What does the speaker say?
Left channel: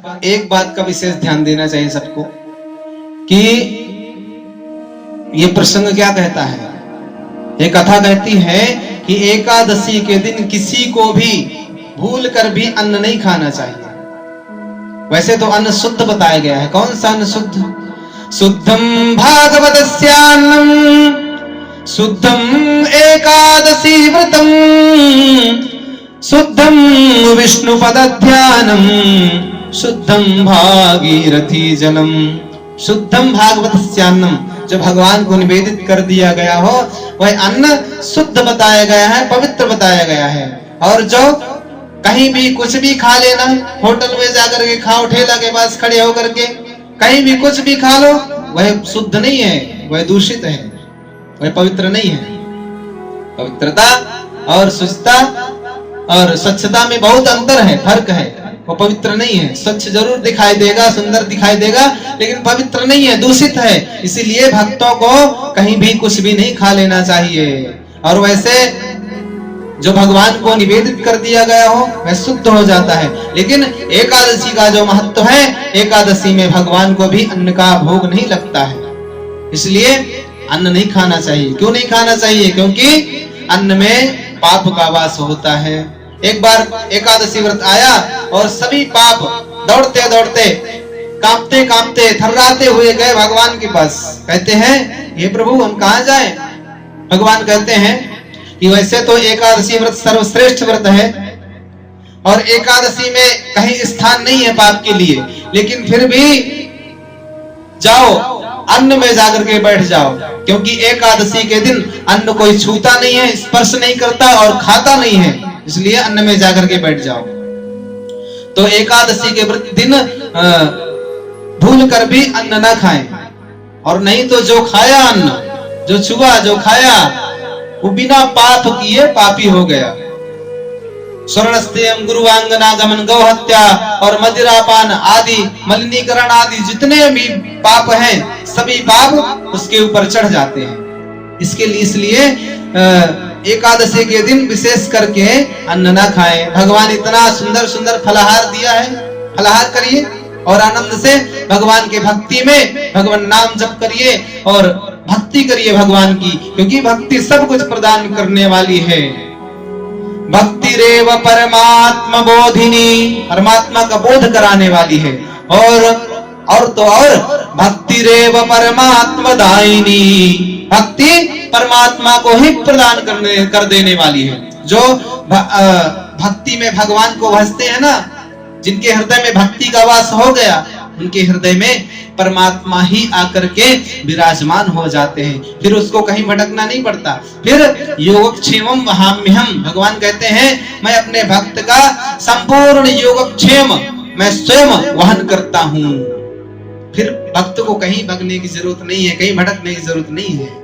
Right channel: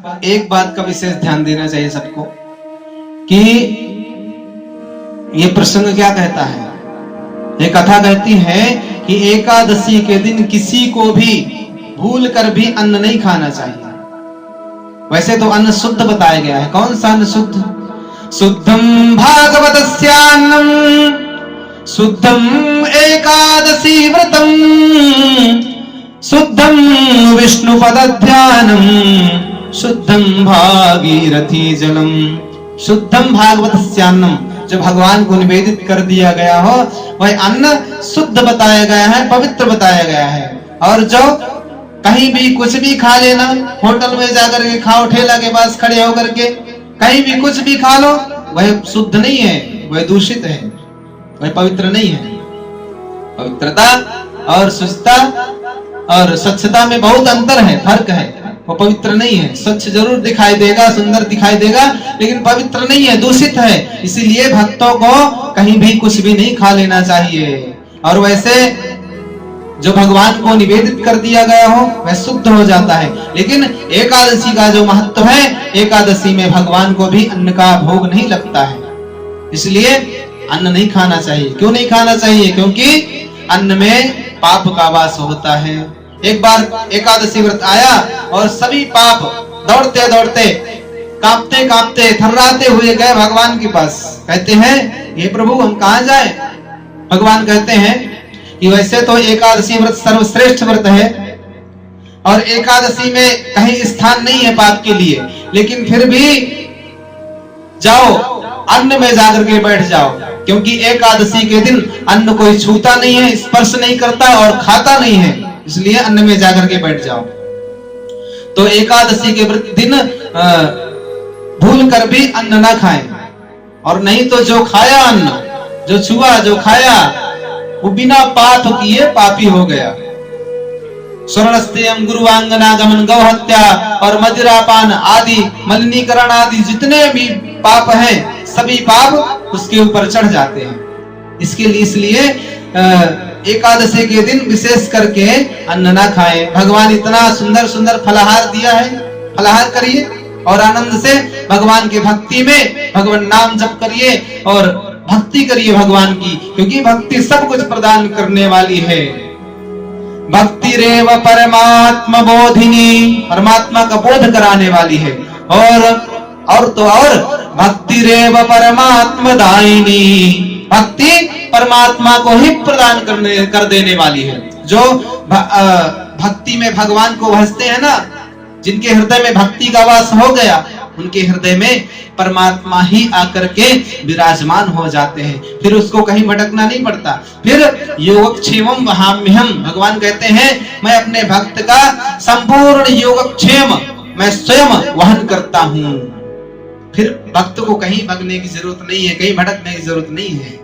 एक बात का विशेष ध्यान देना चाहिए सबको कि ये प्रसंग क्या कहता है। ये कथा कहती है कि एकादशी के दिन किसी को भी भूल कर भी अन्न नहीं खाना चाहिए। वैसे तो अन्न शुद्ध बताया गया है। कौन सा अन्न शुद्ध? शुद्धम भागवतस्यान्नम शुद्धम एकादशी व्रतम शुद्धम विष्णु पदध्यानम शुद्धम भागीरथी जलम। शुद्धम भागवतस्यान्नम, जो भगवान को निवेदित कर दिया गया हो वह अन्न शुद्ध बताया गया है, पवित्र बताया गया है। और जो कहीं भी कुछ भी खा लेना, होटल में जाकर के खाओ, ठेला के पास खड़े होकर के कहीं भी कुछ भी खा लो, वह शुद्ध नहीं है, वह दूषित है, वह पवित्र नहीं है। पवित्रता और शुद्धता और स्वच्छता में बहुत अंतर है, फर्क है। वो पवित्र नहीं है। स्वच्छ जरूर दिखाई देगा, सुंदर दिखाई देगा, लेकिन पवित्र नहीं है, दूषित है। इसीलिए भक्तों को कहीं भी कुछ भी नहीं खा लेना चाहिए। और वैसे जो भगवान को निवेदित कर दिया गया हो वह शुद्ध हो जाता है। लेकिन एकादशी का जो महत्व है, एकादशी में भगवान को भी अन्न का भोग नहीं लगता है, इसलिए अन्न नहीं खाना चाहिए। क्यों नहीं खाना चाहिए? क्योंकि अन्न में पाप का वास होता है। एक बार एकादशी व्रत आया और सभी पाप दौड़ते दौड़ते, कांपते कांपते, थर्राते हुए गए भगवान के पास। कहते हैं, हे प्रभु हम कहाँ जाएं? भगवान कहते हैं कि वैसे तो एकादशी व्रत सर्वश्रेष्ठ व्रत है और एकादशी में कहीं स्थान नहीं है पाप के लिए, लेकिन फिर भी जाओ, अन्न में जाकर के बैठ जाओ, क्योंकि एकादशी के दिन अन्न कोई छूता नहीं है, स्पर्श नहीं करता और खाता नहीं है, इसलिए अन्न में जाकर के बैठ जाओ। तो एकादशी के दिन भूल कर भी अन्न ना खाएं, और नहीं तो जो खाया अन्न, जो छुआ, जो खाया, वो बिना पाप किए पापी हो गया। स्वर्णस्तेयम गुरुवांगनागमन, गौ हत्या और मदिरापान आदि, मलिनीकरण आदि जितने भी पाप हैं, सभी पाप उसके ऊपर चढ़ जाते हैं। इसके लिए इसलिए एकादशी के दिन विशेष करके अन्न ना खाएं। भगवान इतना सुंदर सुंदर फलाहार दिया है, फलाहार करिए और आनंद से भगवान के भक्ति में भगवान नाम जप करिए और भक्ति करिए भगवान की, क्योंकि भक्ति सब कुछ प्रदान करने वाली है। भक्ति रेव परमात्मा बोधिनी, परमात्मा का बोध कराने वाली है। और तो और भक्ति रेव परमात्मा दायिनी, भक्ति परमात्मा को ही प्रदान कर देने वाली है। जो भक्ति में भगवान को भजते हैं ना, जिनके हृदय में भक्ति का वास हो गया, उनके हृदय में परमात्मा ही आकर के विराजमान हो जाते हैं। फिर उसको कहीं भटकना नहीं पड़ता। फिर योगक्षेमम वहाम्यहम, भगवान कहते हैं मैं अपने भक्त का संपूर्ण योगक्षेम मैं स्वयं वहन करता हूँ। फिर भक्त को कहीं भगने की जरूरत नहीं है, कहीं भटकने की जरूरत नहीं है।